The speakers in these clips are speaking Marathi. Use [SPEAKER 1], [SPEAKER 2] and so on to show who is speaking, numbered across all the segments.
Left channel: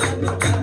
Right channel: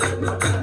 [SPEAKER 1] salir.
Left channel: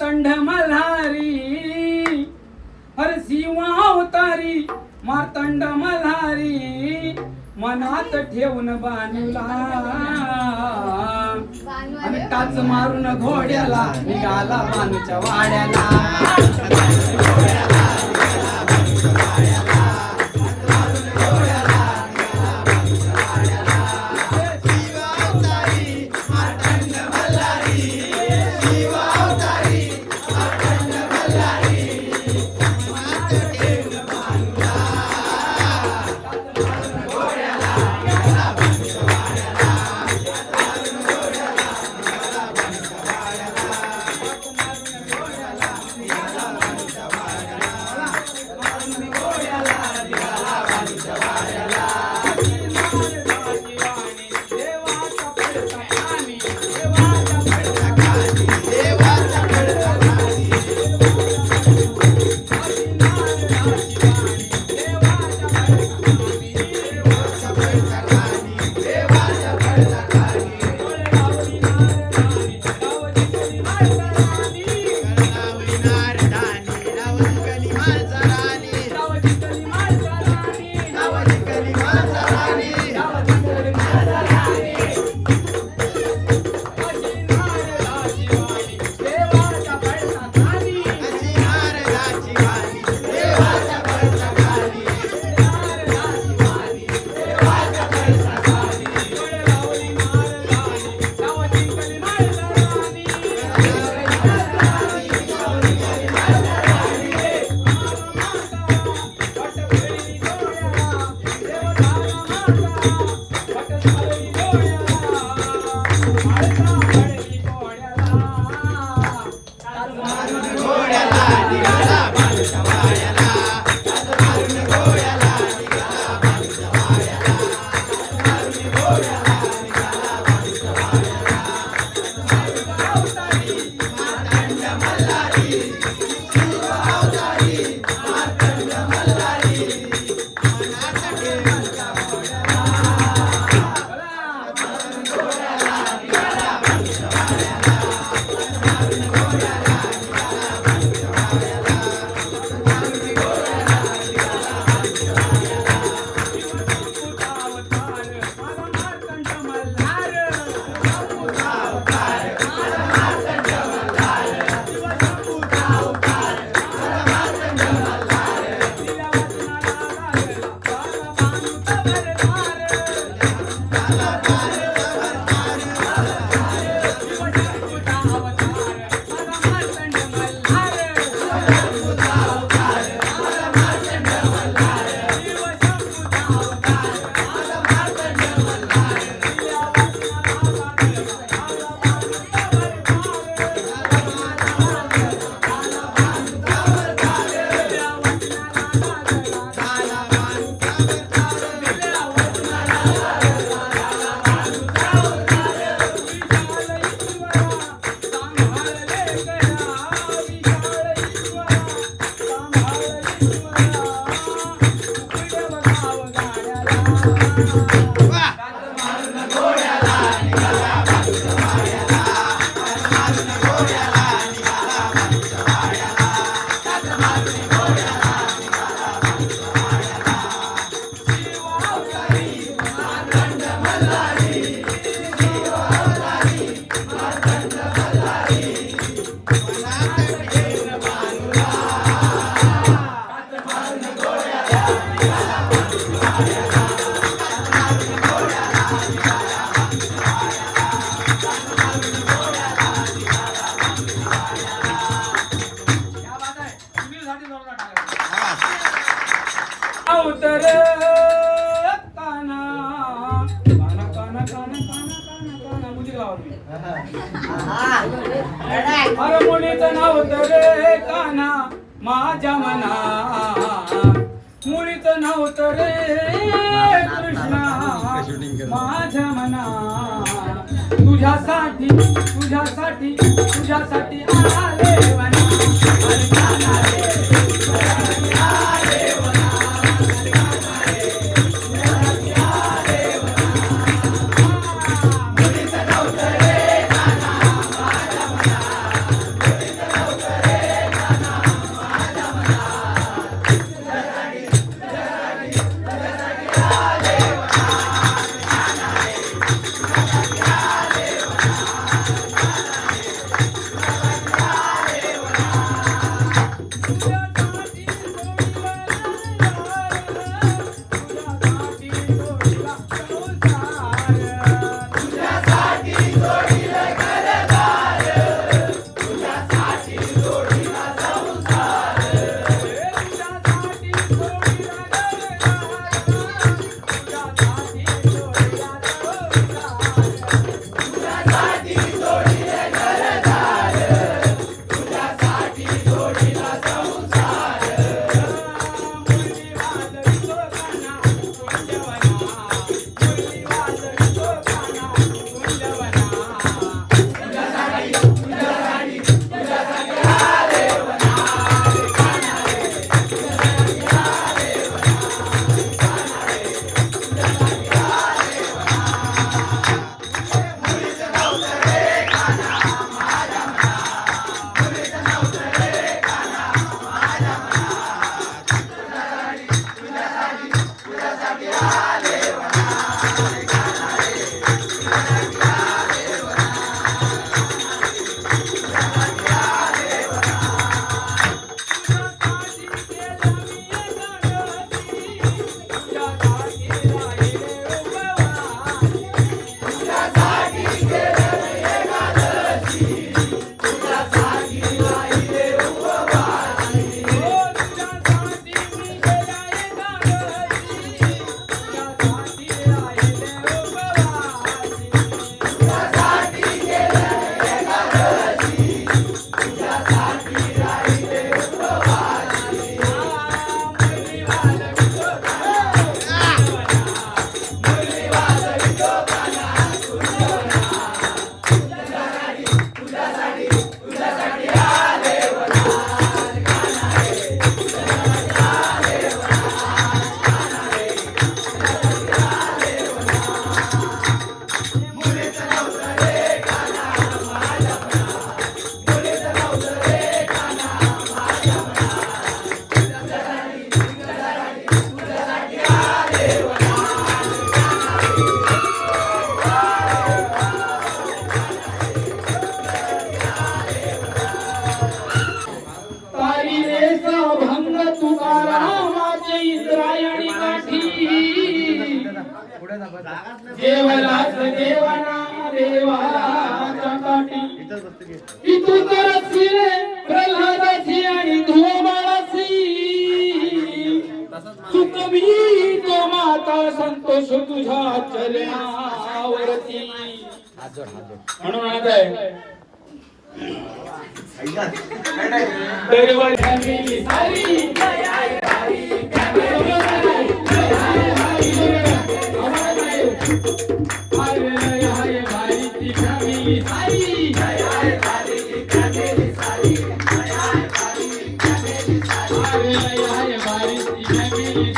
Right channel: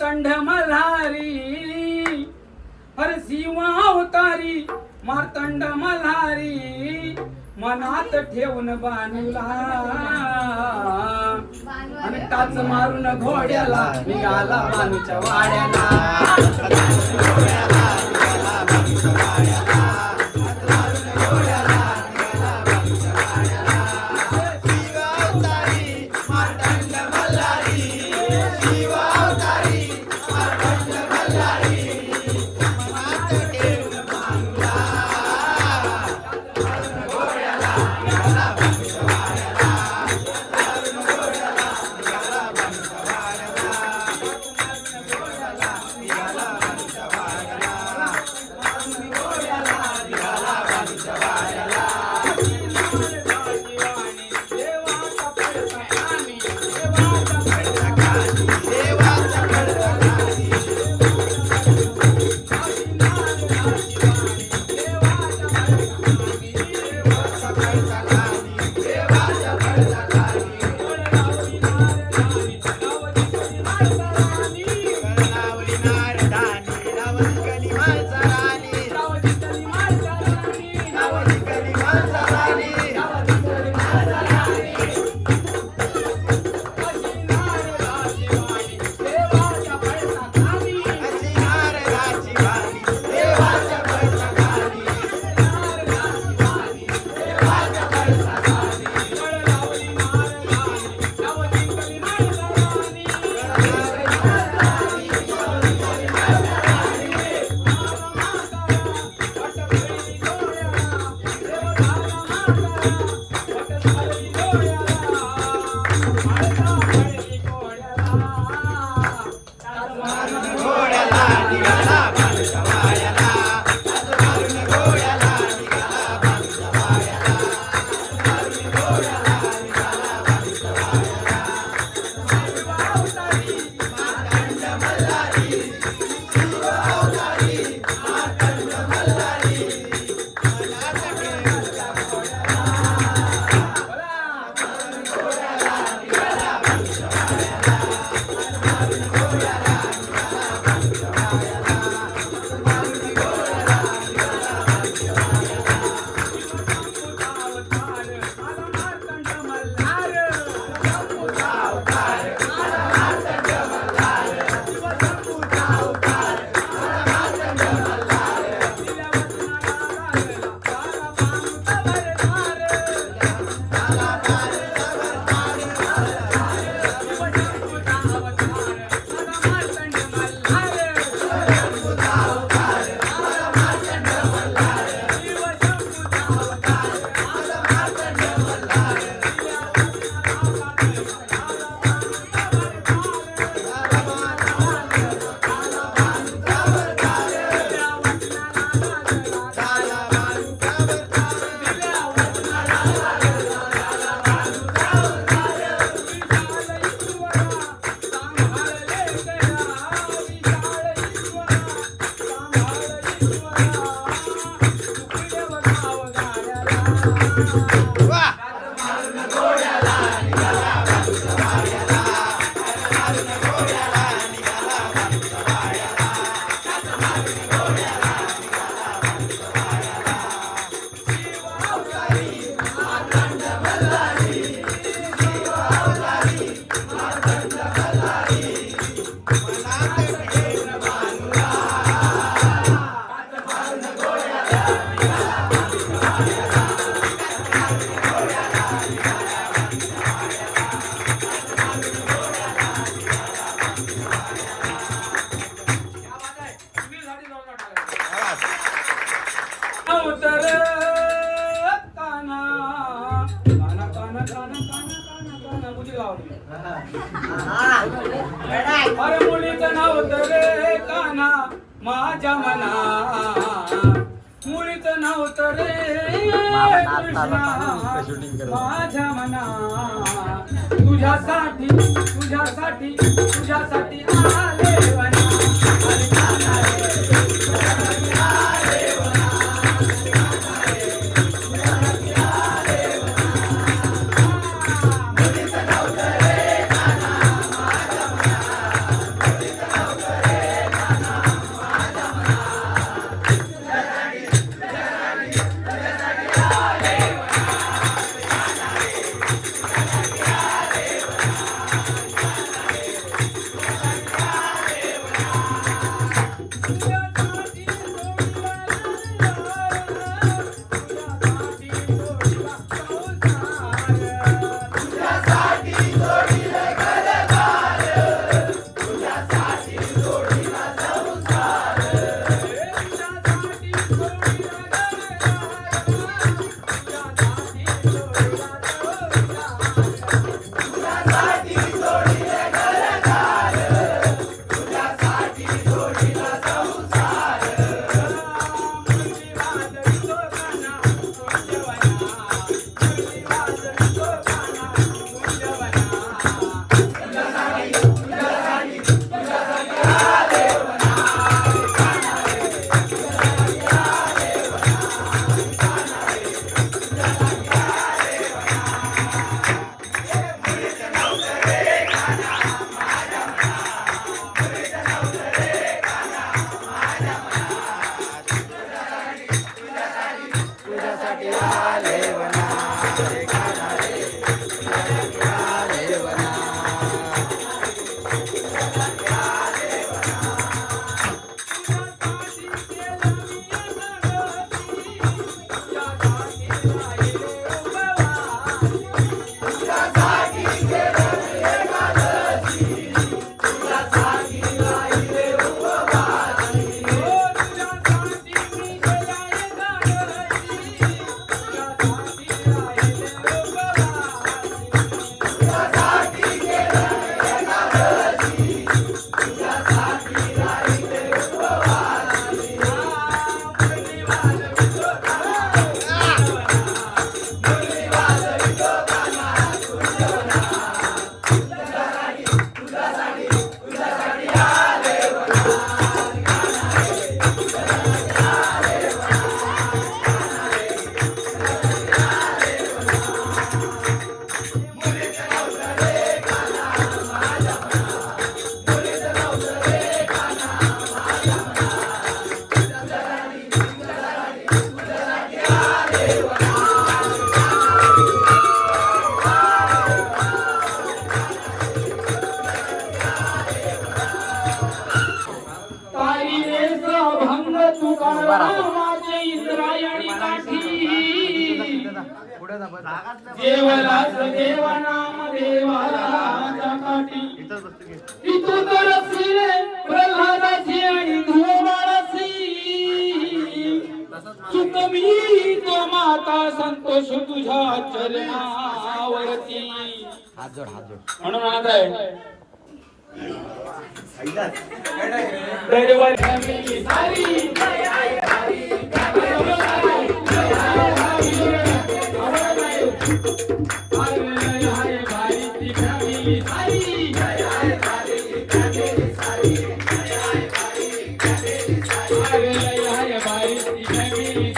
[SPEAKER 1] कंठ मल्हारी हर सीमा अवतारी मार्तंड मल्हारी मनात ठेवून बाणूला आणि टाच मारून घोड्याला निघाला बानूच्या वाड्याला. Thank. Yeah.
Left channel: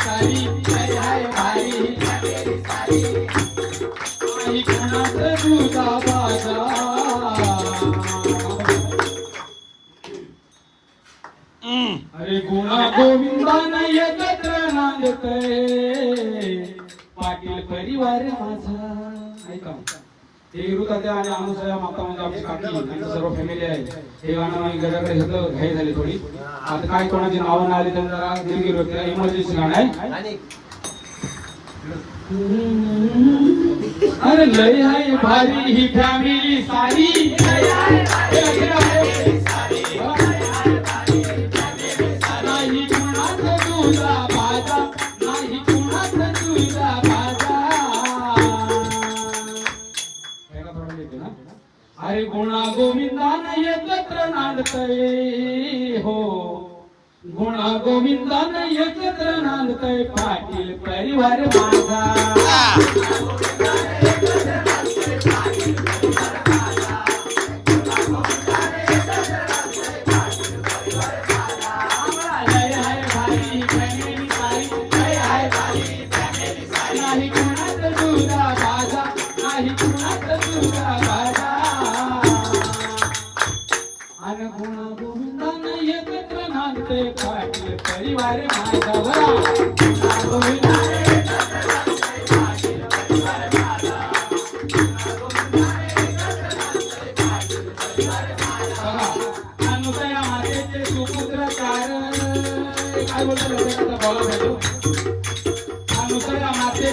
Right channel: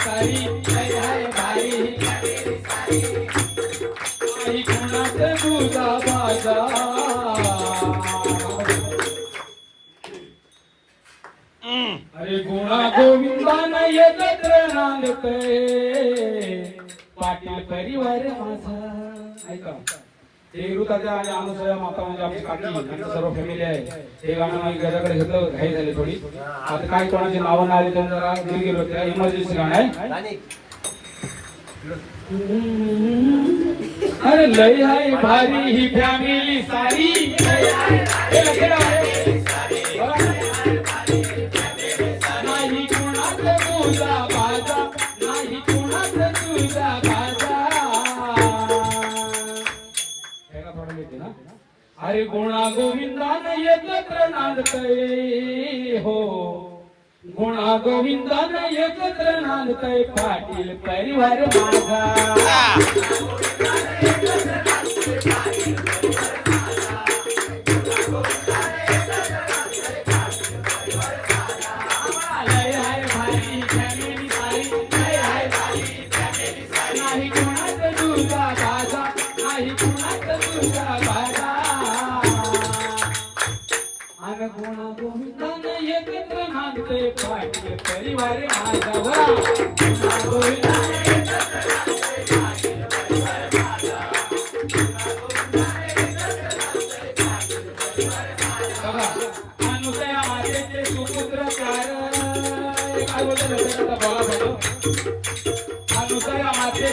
[SPEAKER 1] सारी करते आणि अनुसया माता म्हणजे आमची काकी त्यांचं सर्व फॅमिली आहे. ते गाणं आम्ही घराकडे घेतलं घाई झाली थोडी. आता काय कोणाची नावं नाही आली त्यांना जरा घरी गेलो त्याला इमर्जन्सी गाणं आहे. अरे लय हाय भारी ही फॅमिली सारी. अरे गुणा गोविंदान एकत्र नांदतय. हो. गुणा गोविंदान एकत्र नांदतय. पाटील परिवार माझा. nos haga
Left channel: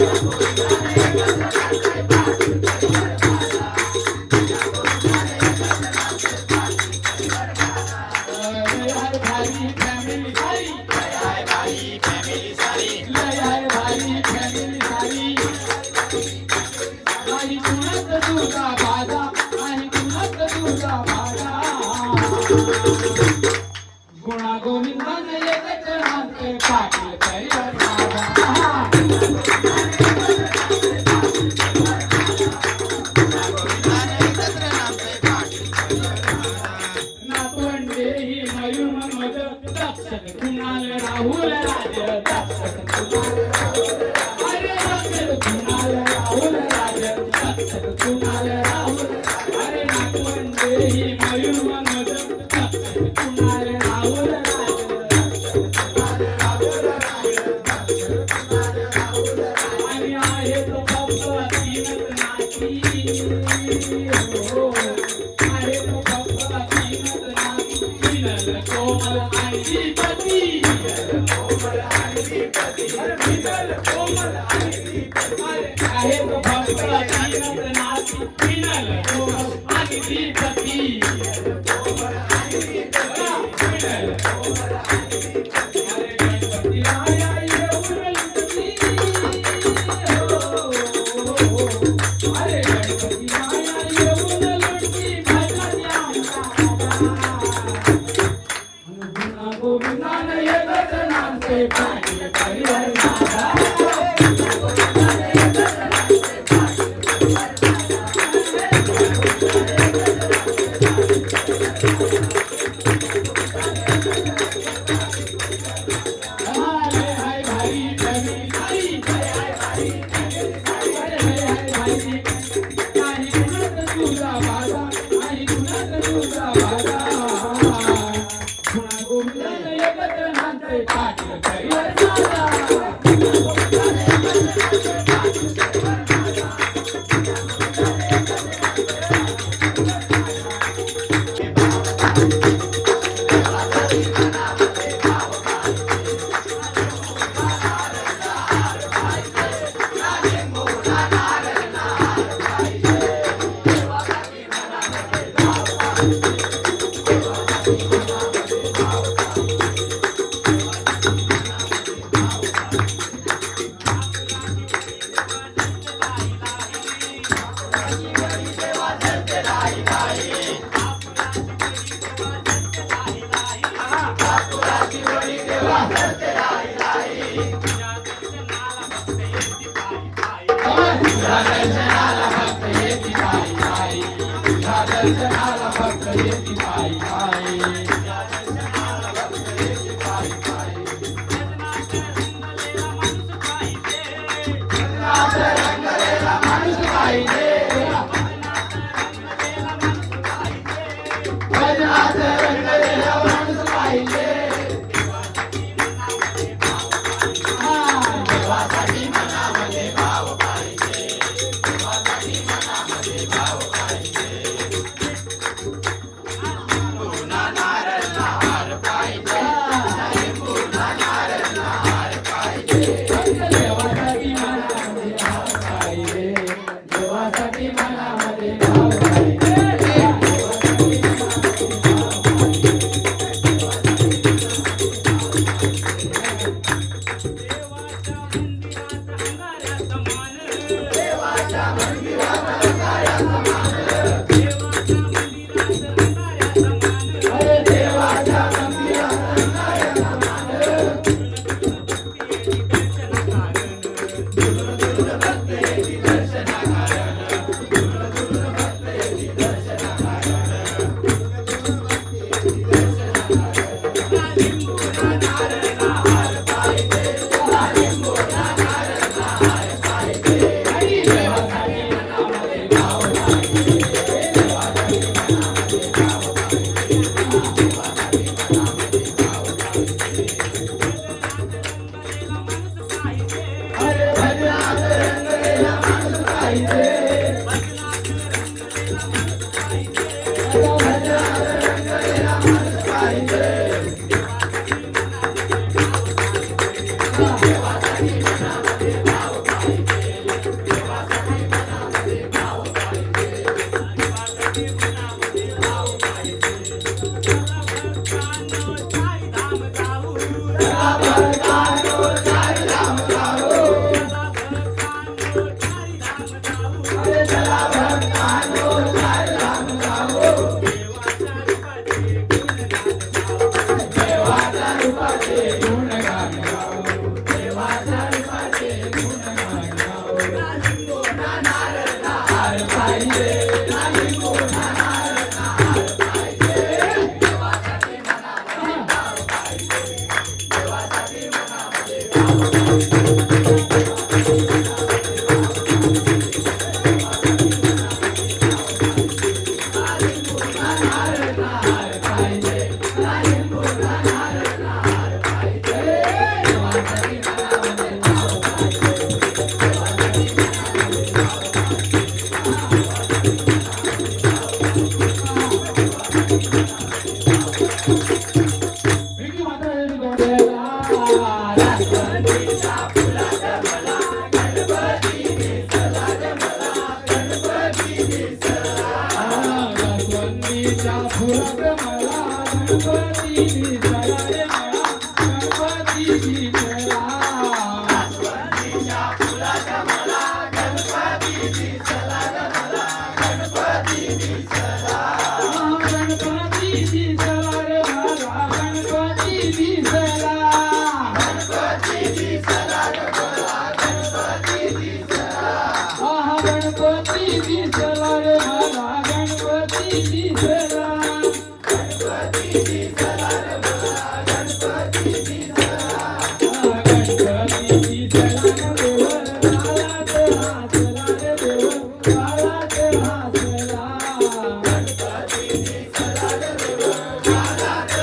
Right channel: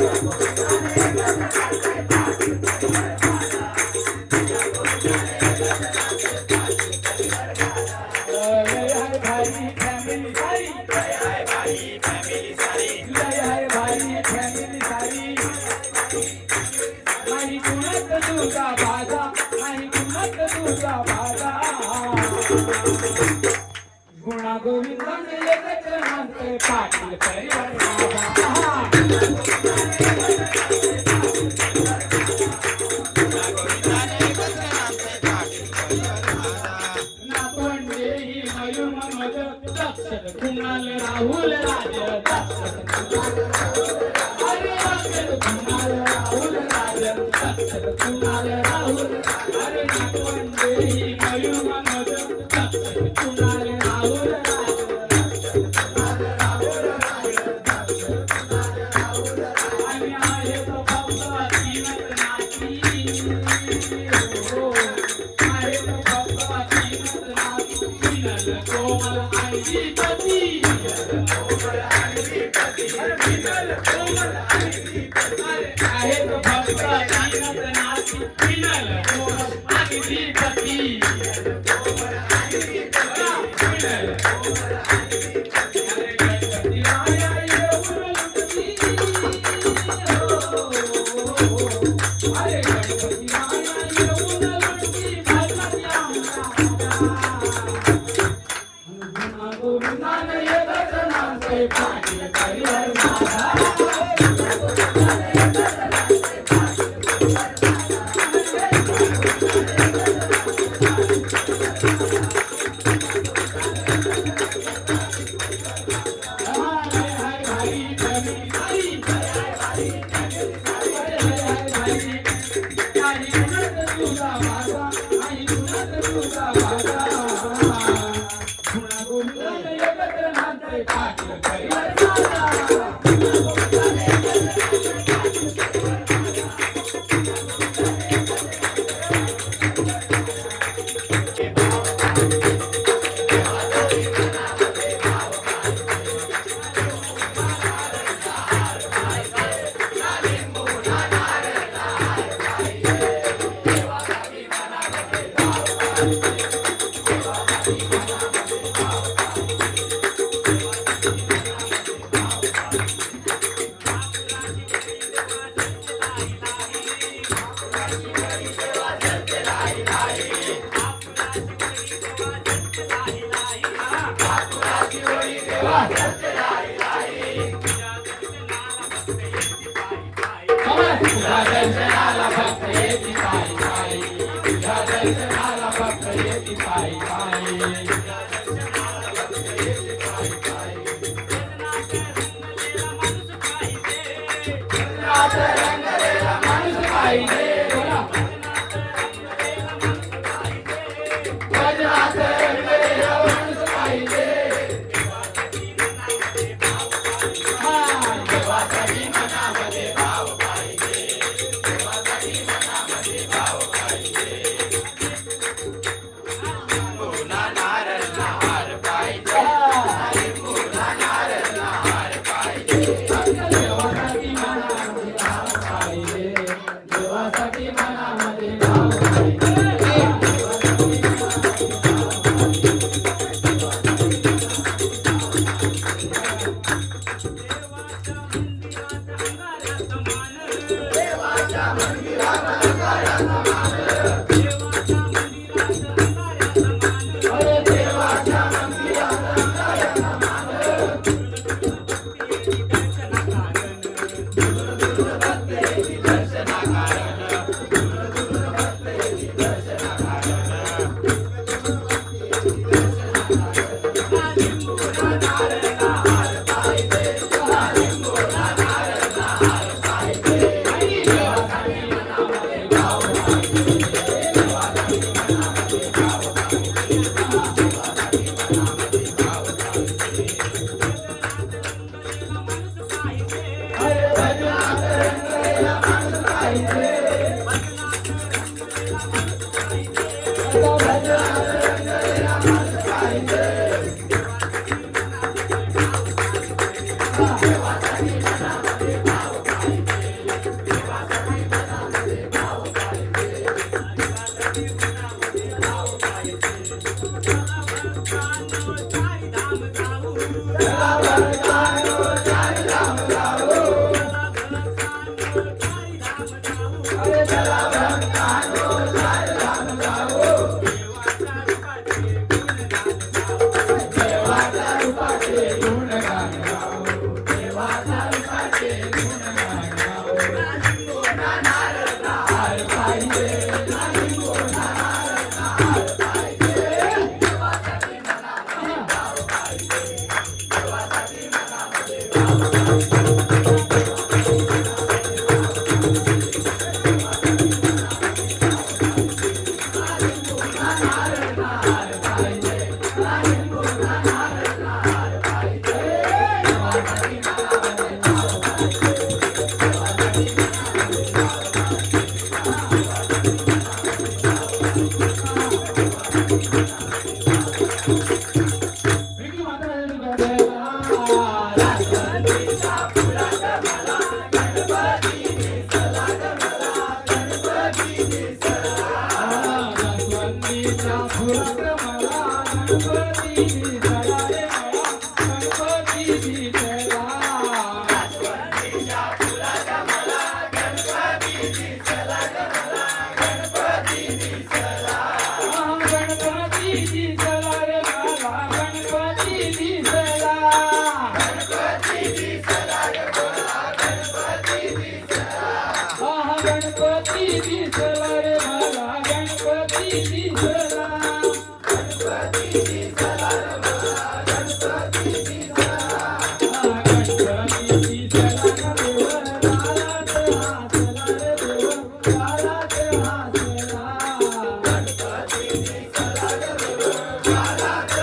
[SPEAKER 1] Thank you. una